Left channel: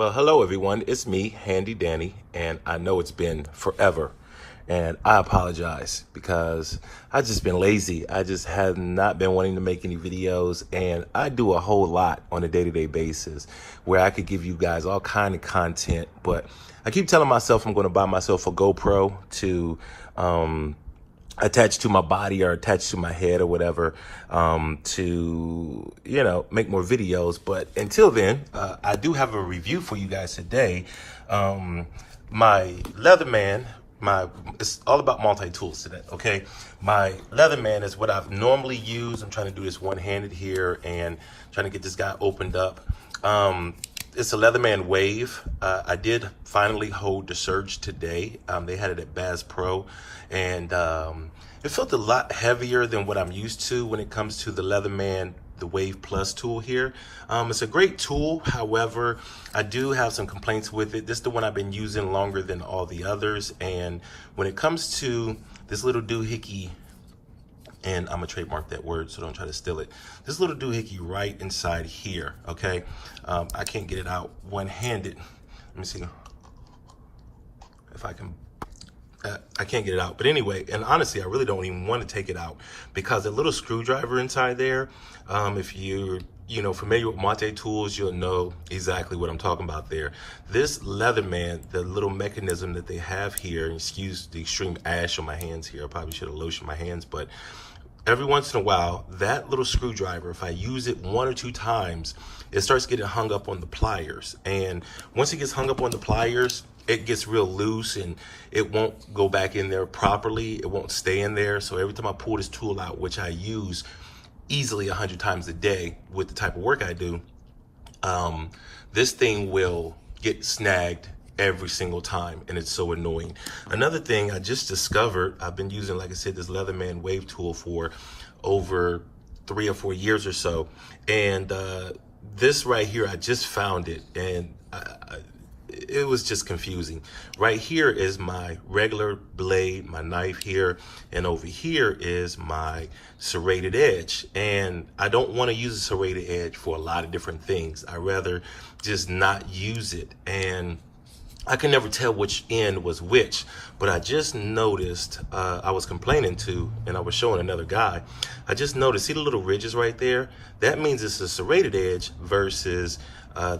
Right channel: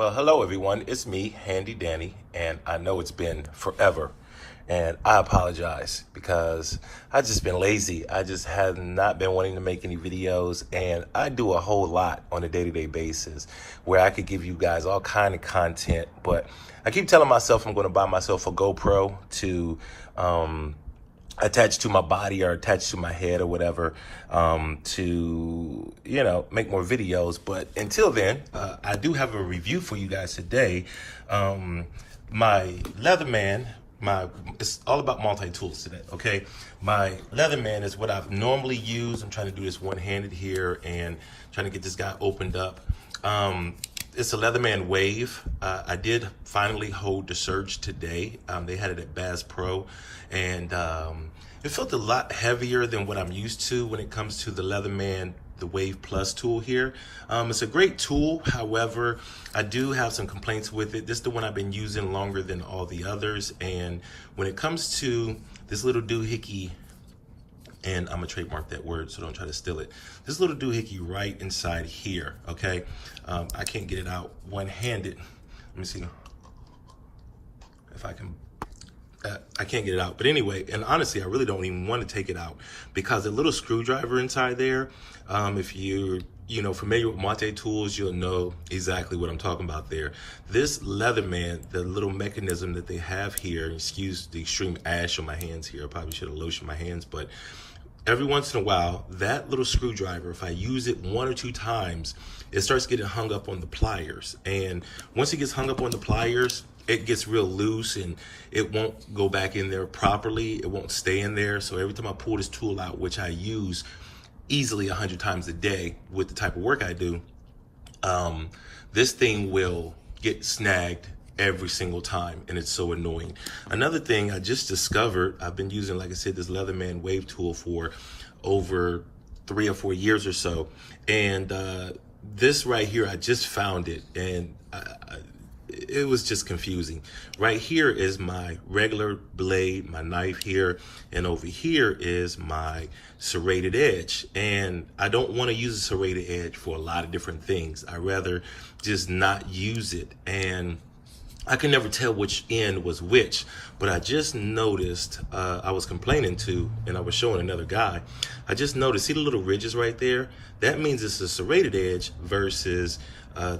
Well, hello everyone. It's me, Handy Danny, and I know it's been forever. And I apologize because I've just been lazy. I just have not been wanting to make any videos, and I do a whole lot on a day-to-day basis where I could give you guys all kind of content, but I keep telling myself I'm going to buy myself a GoPro to attach to my body or attach to my head or whatever, to, you know, make more videos. But until then, I do have a review for you guys today. My Leatherman, it's all about multi-tools today, okay? My Leatherman is what I've normally used. I'm trying to do this one-handed here and trying to get this guy opened up. It's a Leatherman Wave. I did finally hold the surge today. They had it at Bass Pro, and it felt a lot heavier than what I'm used to when it comes to the Leatherman, the Wave Plus tool here. It's a great tool. However, I do have some complaints with it. This is the one I've been using longer than all the others. And when it comes to this little doohickey, and I'm gonna trademark that word, so don't try to steal it. This little doohickey right inside here, okay? I can't get it out one-handed. Let me see if I can. I can't get it out, but anyway, and honestly, I really don't even want to take it out because the little screwdriver inside there, if you're familiar with makitatools, you'll know exactly what I'm talking about there. This Leatherman, the little mechanism that they have here, excuse the extreme ash on my hands here, I probably should have lotioned my hands, but every once in a while, that little screwdriver, if I use it one or two times, it starts getting hung up on the pliers. And once it gets hung up on the pliers, it gets real loose and it won't go back in there properly. It won't stay in there. So every time I pull this tool out, which I use easily 100 times a day with the type of work I do, this thing will get snagged every single time, and it's so annoying. Another thing I just discovered, I've been using, like I said, this Leatherman Wave tool for over 3 or 4 years or so, and this right here, I just found it, and it was just confusing. Right here is my regular blade, my knife here, and over here is my serrated edge. And I don't want to use a serrated edge for a lot of different things. I rather just not use it. And I can never tell which end was which, but I just noticed, I was complaining to, and I was showing another guy, I just noticed, see the little ridges right there? That means it's a serrated edge versus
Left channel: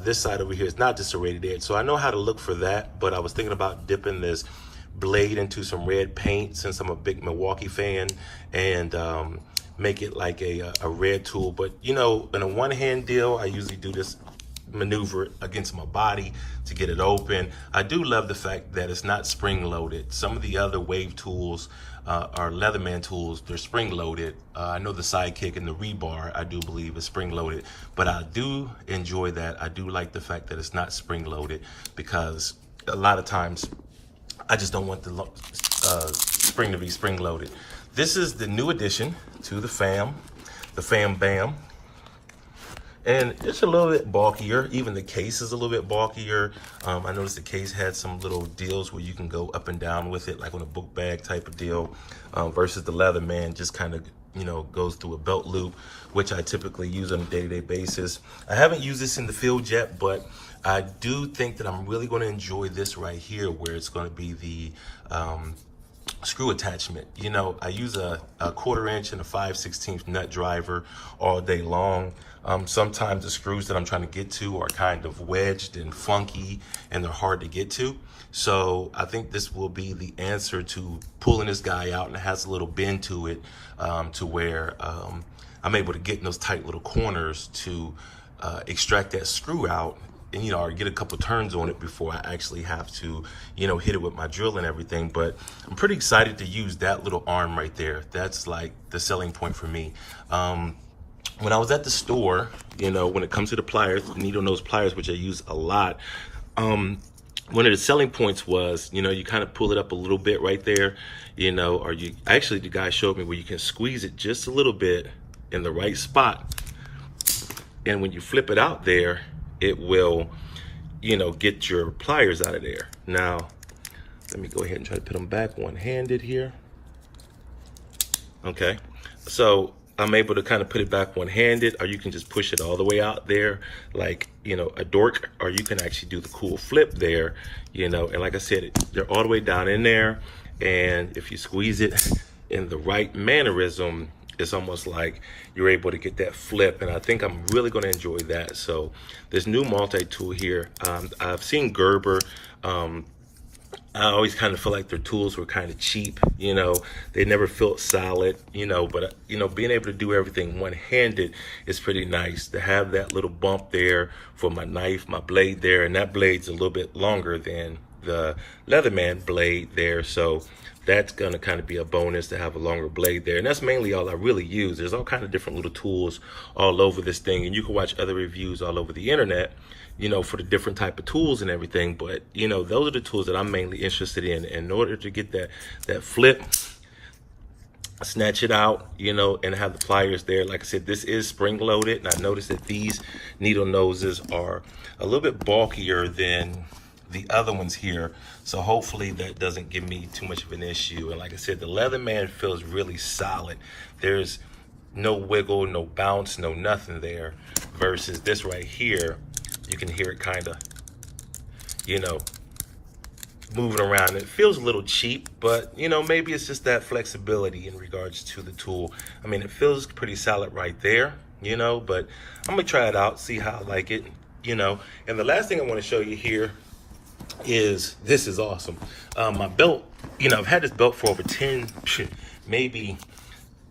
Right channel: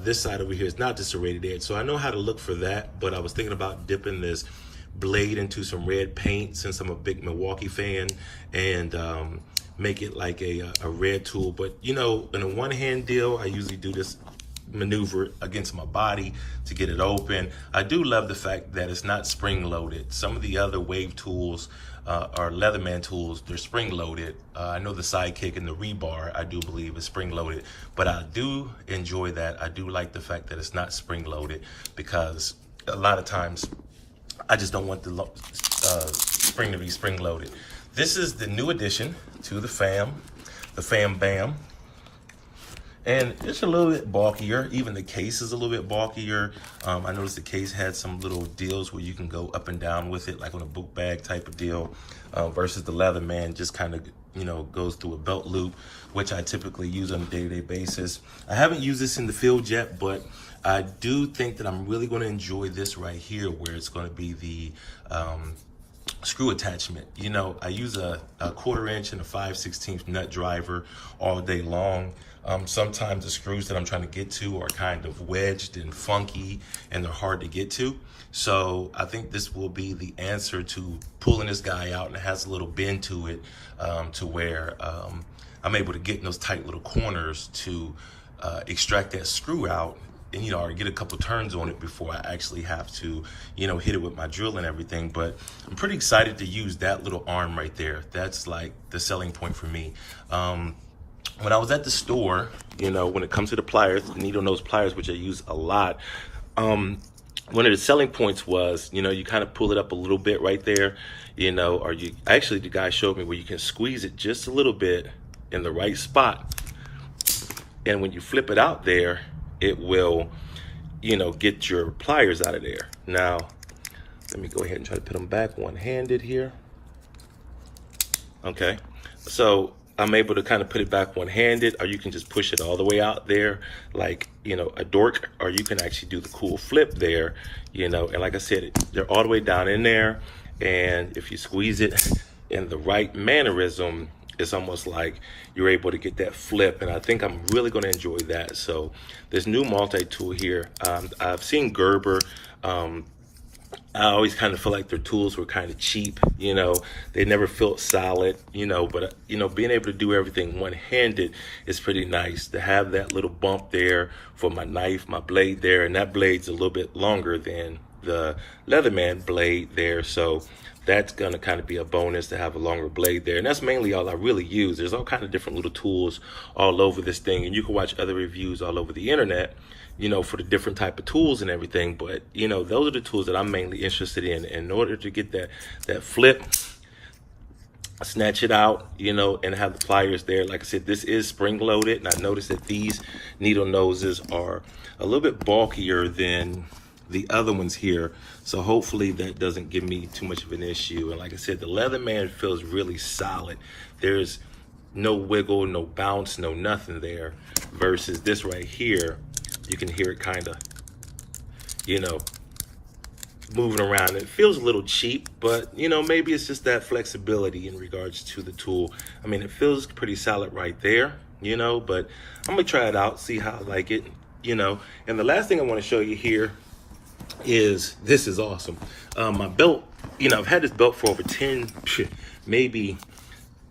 this side over here is not the serrated edge. So I know how to look for that, but I was thinking about dipping this blade into some red paint since I'm a big Milwaukee fan, and make it like a red tool. But you know, in a one-hand deal, I usually do this maneuver against my body to get it open. I do love the fact that it's not spring loaded. Some of the other Wave tools are Leatherman tools, they're spring loaded. I know the sidekick and the rebar, I do believe, is spring loaded, but I do enjoy that. I do like the fact that it's not spring loaded because a lot of times I just don't want the spring to be spring loaded. This is the new addition to the Fam Bam. And it's a little bit bulkier. Even the case is a little bit bulkier. I noticed the case had some little deals where you can go up and down with it, like on a book bag type of deal, versus the Leatherman just kind of, you know, goes through a belt loop, which I typically use on a day-to-day basis. I haven't used this in the field yet, but I do think that I'm really going to enjoy this right here, where it's going to be the screw attachment. You know, I use a 1/4 inch and a 5/16 nut driver all day long. Sometimes the screws that I'm trying to get to are kind of wedged and funky and they're hard to get to. So I think this will be the answer to pulling this guy out, and it has a little bend to it, to where I'm able to get in those tight little corners to extract that screw out, and, you know, or get a couple turns on it before I actually have to, you know, hit it with my drill and everything. But I'm pretty excited to use that little arm right there. That's like the selling point for me. When I was at the store, you know, when it comes to the pliers, the needle nose pliers, which I use a lot, one of the selling points was, you know, you kind of pull it up a little bit right there, you know, or you actually, the guy showed me where you can squeeze it just a little bit in the right spot. And when you flip it out there, it will, you know, get your pliers out of there. Now, let me go ahead and try to put them back one-handed here. Okay, so I'm able to kind of put it back one-handed, or you can just push it all the way out there like, you know, a dork, or you can actually do the cool flip there, you know. And like I said, they're all the way down in there, and if you squeeze it in the right mannerism, it's almost like you're able to get that flip, and I think I'm really going to enjoy that. So this new multi-tool here, I've seen Gerber. I always kind of feel like their tools were kind of cheap, you know. They never felt solid, you know, but, you know, being able to do everything one-handed is pretty nice. To have that little bump there for my knife, my blade there, and that blade's a little bit longer than the Leatherman blade there, so that's going to kind of be a bonus to have a longer blade there. And that's mainly all I really use. There's all kind of different little tools all over this thing, and you can watch other reviews all over the internet, you know, for the different type of tools and everything. But, you know, those are the tools that I'm mainly interested in order to get that flip, snatch it out, you know, and have the pliers there. Like I said, this is spring loaded, and I noticed that these needle noses are a little bit bulkier than the other ones here, so hopefully that doesn't give me too much of an issue. And like I said, the Leatherman feels really solid. There's no wiggle, no bounce, no nothing there, versus this right here, you can hear it kind of, you know, moving around. It feels a little cheap, but, you know, maybe it's just that flexibility in regards to the tool. I mean, it feels pretty solid right there, you know, but I'm gonna try it out, see how I like it, you know. And the last thing I want to show you here is, this is awesome. My belt, you know, I've had this belt for over 10, maybe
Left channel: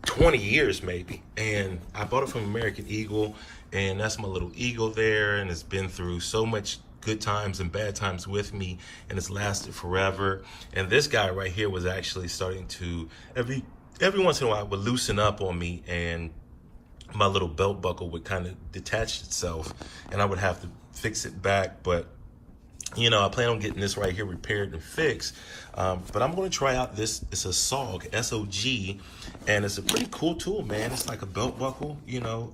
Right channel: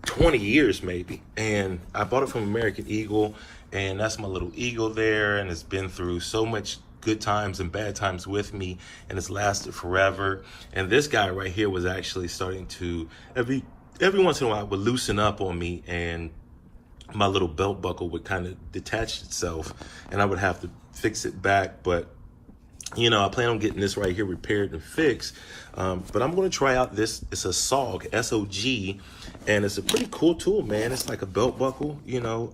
20 years maybe, and I bought it from American Eagle, and that's my little eagle there, and it's been through so much good times and bad times with me, and it's lasted forever. And this guy right here was actually starting to every once in a while would loosen up on me, and my little belt buckle would kind of detach itself, and I would have to fix it back. But, you know, I plan on getting this right here repaired and fixed. But I'm going to try out this. It's a SOG, S-O-G, and it's a pretty cool tool, man. It's like a belt buckle, you know,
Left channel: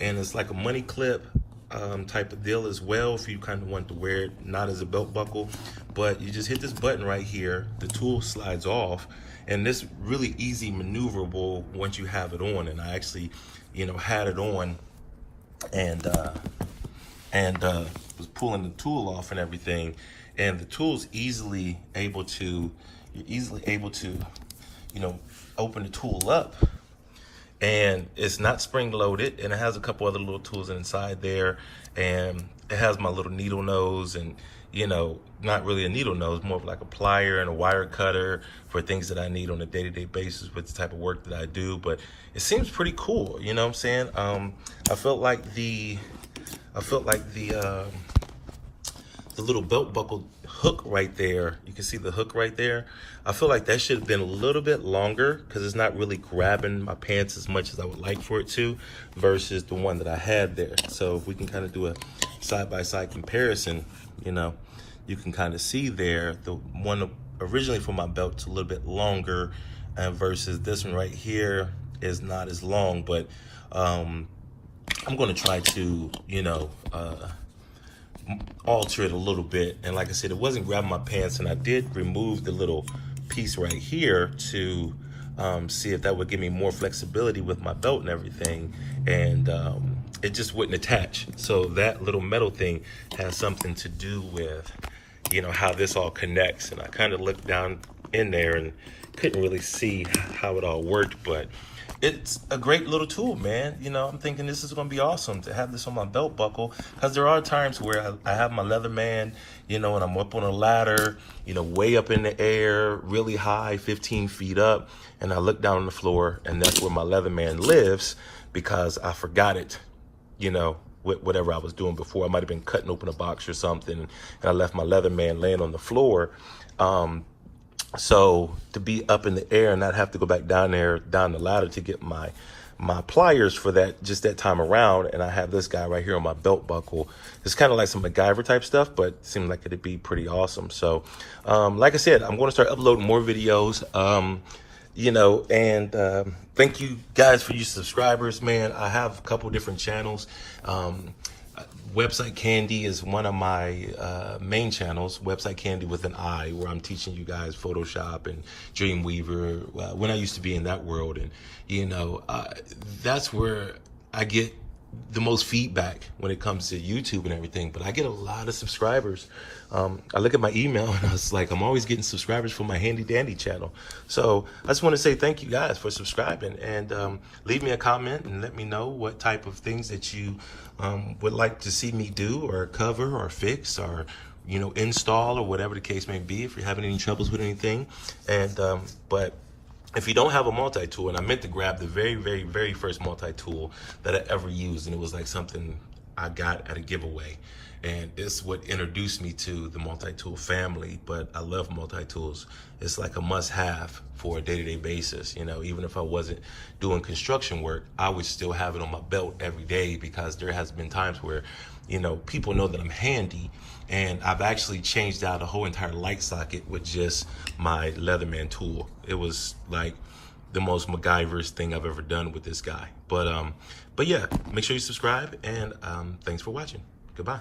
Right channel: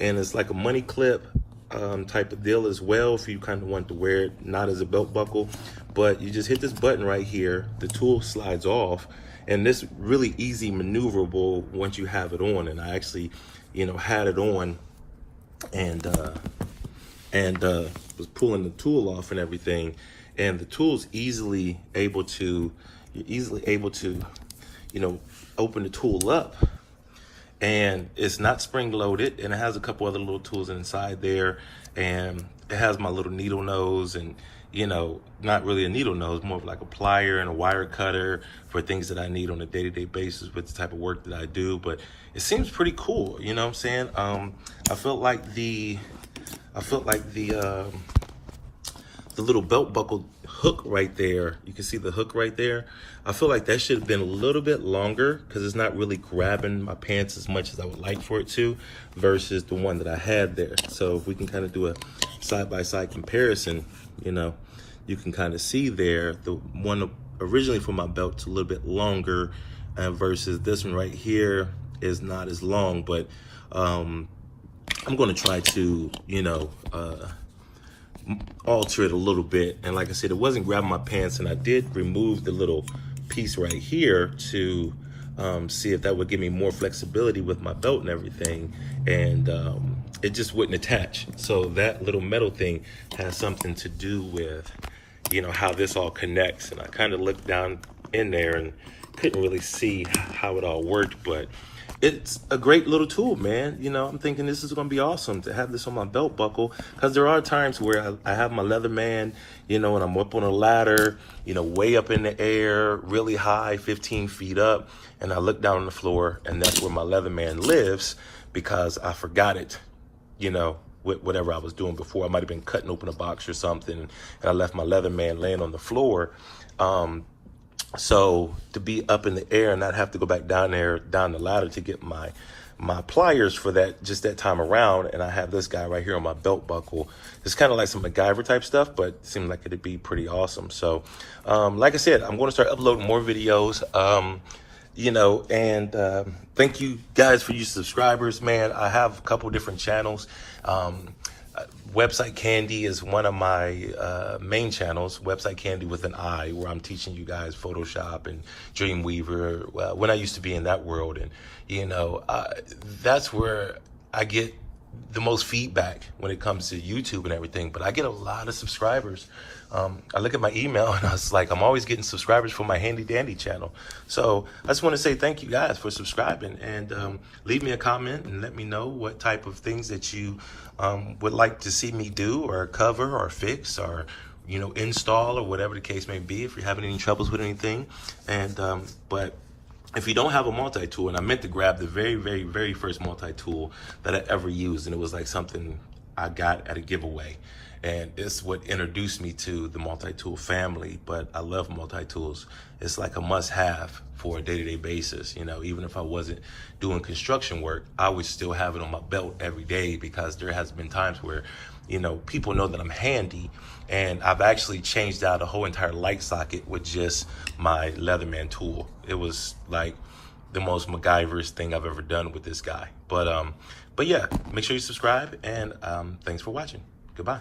and it's like a money clip type of deal as well, if you kind of want to wear it not as a belt buckle. But you just hit this button right here, the tool slides off, and this really easy maneuverable once you have it on. And I actually, you know, had it on, and was pulling the tool off and everything, and the tool's easily able to, you know, open the tool up, and it's not spring loaded, and it has a couple other little tools inside there, and it has my little needle nose, and, you know, not really a needle nose, more of like a plier and a wire cutter for things that I need on a day-to-day basis with the type of work that I do. But it seems pretty cool, you know what I'm saying? I felt like the little belt buckle hook right there, you can see the hook right there, I feel like that should have been a little bit longer, because it's not really grabbing my pants as much as I would like for it to, versus the one that I had there. So if we can kind of do a side-by-side comparison, you know, you can kind of see there, the one originally for my belt's a little bit longer, versus this one right here is not as long. But I'm going to try to, you know, alter it a little bit. And like I said, it wasn't grabbing my pants, and I did remove the little piece right here to see if that would give me more flexibility with my belt and everything, and it just wouldn't attach. So that little metal thing has something to do with, you know, how this all connects. And I kind of looked down in there and couldn't really see how it all worked, but it's a great little tool, man. You know, I'm thinking this is going to be awesome to have this on my belt buckle, because there are times where I have my Leatherman, you know, and I'm up on a ladder, you know, way up in the air, really high, 15 feet up, and I look down on the floor, and that's where my Leatherman lives, because I forgot it, you know, with whatever I was doing before. I might have been cutting open a box or something, and I left my Leatherman laying on the floor. So to be up in the air and not have to go back down the ladder to get my pliers for that, just that time around, and I have this guy right here on my belt buckle. It's kind of like some MacGyver type stuff, but it seemed like it'd be pretty awesome. So like I said, I'm going to start uploading more videos, you know, and thank you guys for your subscribers, man. I have a couple different channels. Website Candy is one of my main channels, Website Candy with an I, where I'm teaching you guys Photoshop and Dreamweaver, when I used to be in that world. And, you know, that's where I get the most feedback when it comes to YouTube and everything. But I get a lot of subscribers. I look at my email and I was like, I'm always getting subscribers for my Handy Dandy channel. So I just want to say thank you guys for subscribing, and leave me a comment and let me know what type of things that you would like to see me do or cover or fix or, you know, install or whatever the case may be, if you're having any troubles with anything. And but if you don't have a multi-tool, and I meant to grab the very first multi-tool that I ever used, and it was like something I got at a giveaway. And this is what introduced me to the multi-tool family. But I love multi-tools. It's like a must-have for a day-to-day basis. You know, even if I wasn't doing construction work, I would still have it on my belt every day, because there has been times where, you know, people know that I'm handy, and I've actually changed out a whole entire light socket with just my Leatherman tool. It was like the most MacGyver's thing I've ever done with this guy. But yeah, make sure you subscribe, and thanks for watching. Goodbye.